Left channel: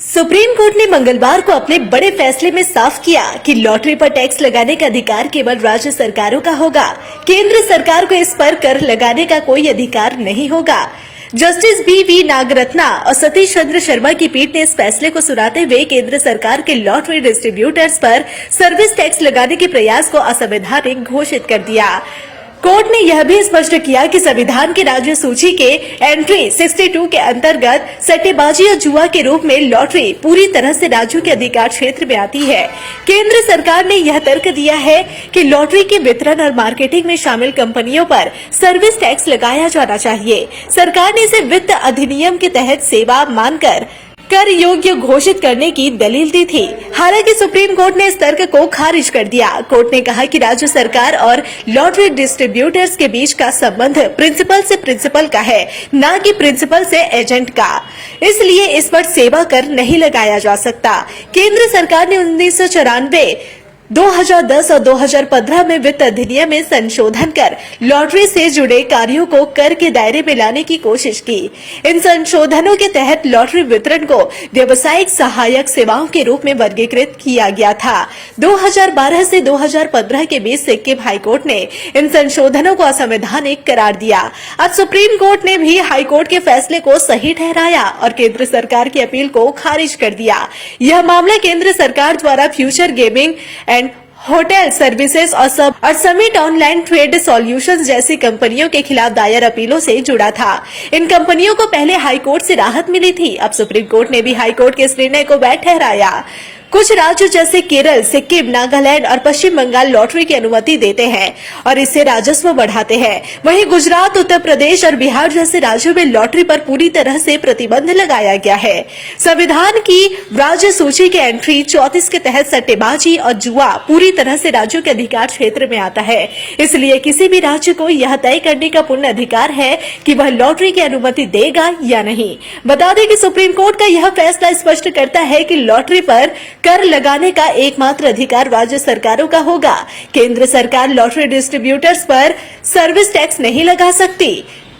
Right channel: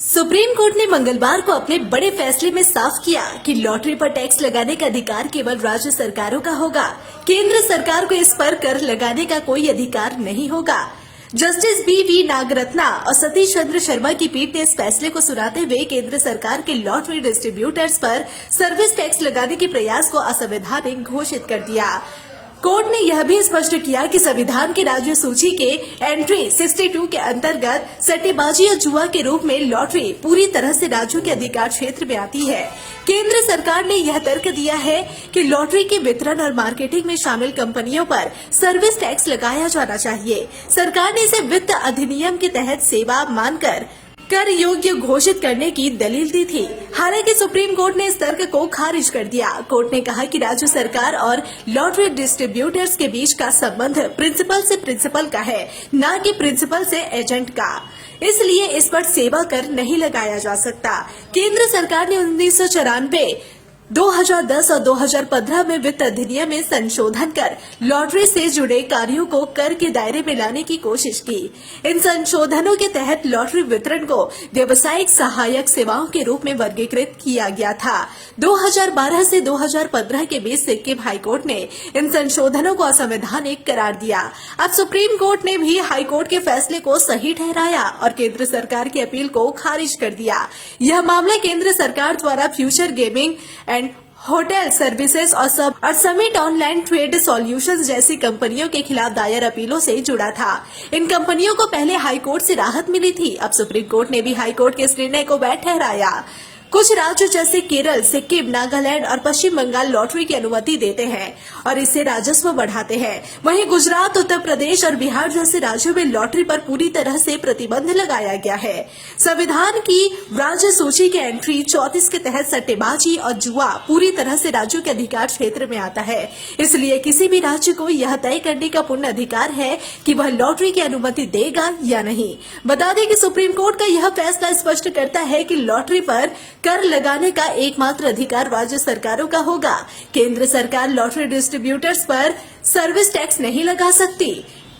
Supreme court ने मंगलवार को अपने बड़े फैसले में साफ किया कि लॉटरी पर टैक्स लगाने का अधिकार केवल राज्य सरकारों का होगा। केंद्र सरकार को इस पर कर लगाने का कोई अधिकार नहीं होगा। जस्टिस बी नागरत्ना और सतीश चंद्र शर्मा की पीठ ने इस फैसले को सुनाते हुए केंद्र सरकार के लॉटरी डिस्ट्रीब्यूटर्स पर सर्विस टैक्स लगाने के प्रयास को असंवैधानिक घोषित कर दिया। कोर्ट ने यह भी स्पष्ट किया कि संविधान की राज्य सूची के एंट्री 62 के अंतर्गत सट्टेबाजी और जुआ के रूप में लॉटरी पूरी तरह से राज्यों के अधिकार क्षेत्र में आती है। केंद्र सरकार ने यह तर्क दिया है कि लॉटरी के वितरण और मार्केटिंग में शामिल कंपनियों पर सर्विस टैक्स लगाया जाना चाहिए। सरकार ने इसे वित्त अधिनियम के तहत सेवा मानकर कर योग्य घोषित करने की दलील दी थी। हालांकि सुप्रीम कोर्ट ने इस तर्क को खारिज कर दिया। कोर्ट ने कहा कि राज्य सरकार और लॉटरी डिस्ट्रीब्यूटर्स के बीच का संबंध प्रिंसिपल से प्रिंसिपल का है, न कि प्रिंसिपल से एजेंट का। इसलिए इस पर सेवा कर नहीं लगाया जा सकता। केंद्र सरकार ने 1994 2010 और 2015 में वित्त अधिनियम में संशोधन कर लॉटरी से जुड़े कार्यों को कर के दायरे में लाने की कोशिश की। इन संशोधनों के तहत लॉटरी वितरण को व्यावसायिक सहायक सेवाओं के रूप में वर्गीकृत किया गया था। 2012 से 2015 के बीच सिक्किम हाईकोर्ट ने इन संशोधनों को असंवैधानिक करार दिया। अब सुप्रीम कोर्ट ने भी हाईकोर्ट के फैसले को सही ठहराया और केंद्र सरकार की अपील को खारिज कर दिया। यह मामला केंद्र सरकार द्वारा future gaming and hotel services और समिट ऑनलाइन ट्रेड सॉल्यूशंस जैसी कंपनियों के खिलाफ दायर अपीलों से जुड़ा था। इन कंपनियों को पहले हाईकोर्ट से राहत मिली थी। अब सुप्रीम कोर्ट ने भी हाईकोर्ट के इस निर्णय को वैध ठहराया। कुछ राज्यों जैसे केरल, सिक्किम, नागालैंड और पश्चिम बंगाल लॉटरी की अनुमति देते हैं और इससे राजस्व बढ़ाते हैं। वहीं गुजरात, उत्तर प्रदेश और बिहार जैसे राज्यों में लॉटरी पर पूरी तरह से प्रतिबंध लगाया गया है। संविधान की राज्य सूची के एंट्री 34 के तहत सट्टेबाजी और जुआ पूरी तरह से राज्यों के अधिकार क्षेत्र में आता है। इसलिए किसी भी राज्य को यह तय करने का पूर्ण अधिकार है कि वह लॉटरी की अनुमति देगा या नहीं। बता दें कि सुप्रीम कोर्ट का यह फैसला स्पष्ट करता है कि लॉटरी पर कर लगाने का एकमात्र अधिकार राज्य सरकारों का होगा। केंद्र सरकार लॉटरी डिस्ट्रीब्यूटर्स पर सर्विस टैक्स नहीं लगा सकती।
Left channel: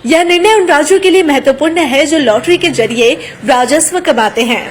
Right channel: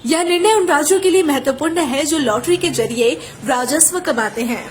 यह निर्णय उन राज्यों के लिए महत्वपूर्ण है जो लॉटरी के जरिए राजस्व कमाते हैं।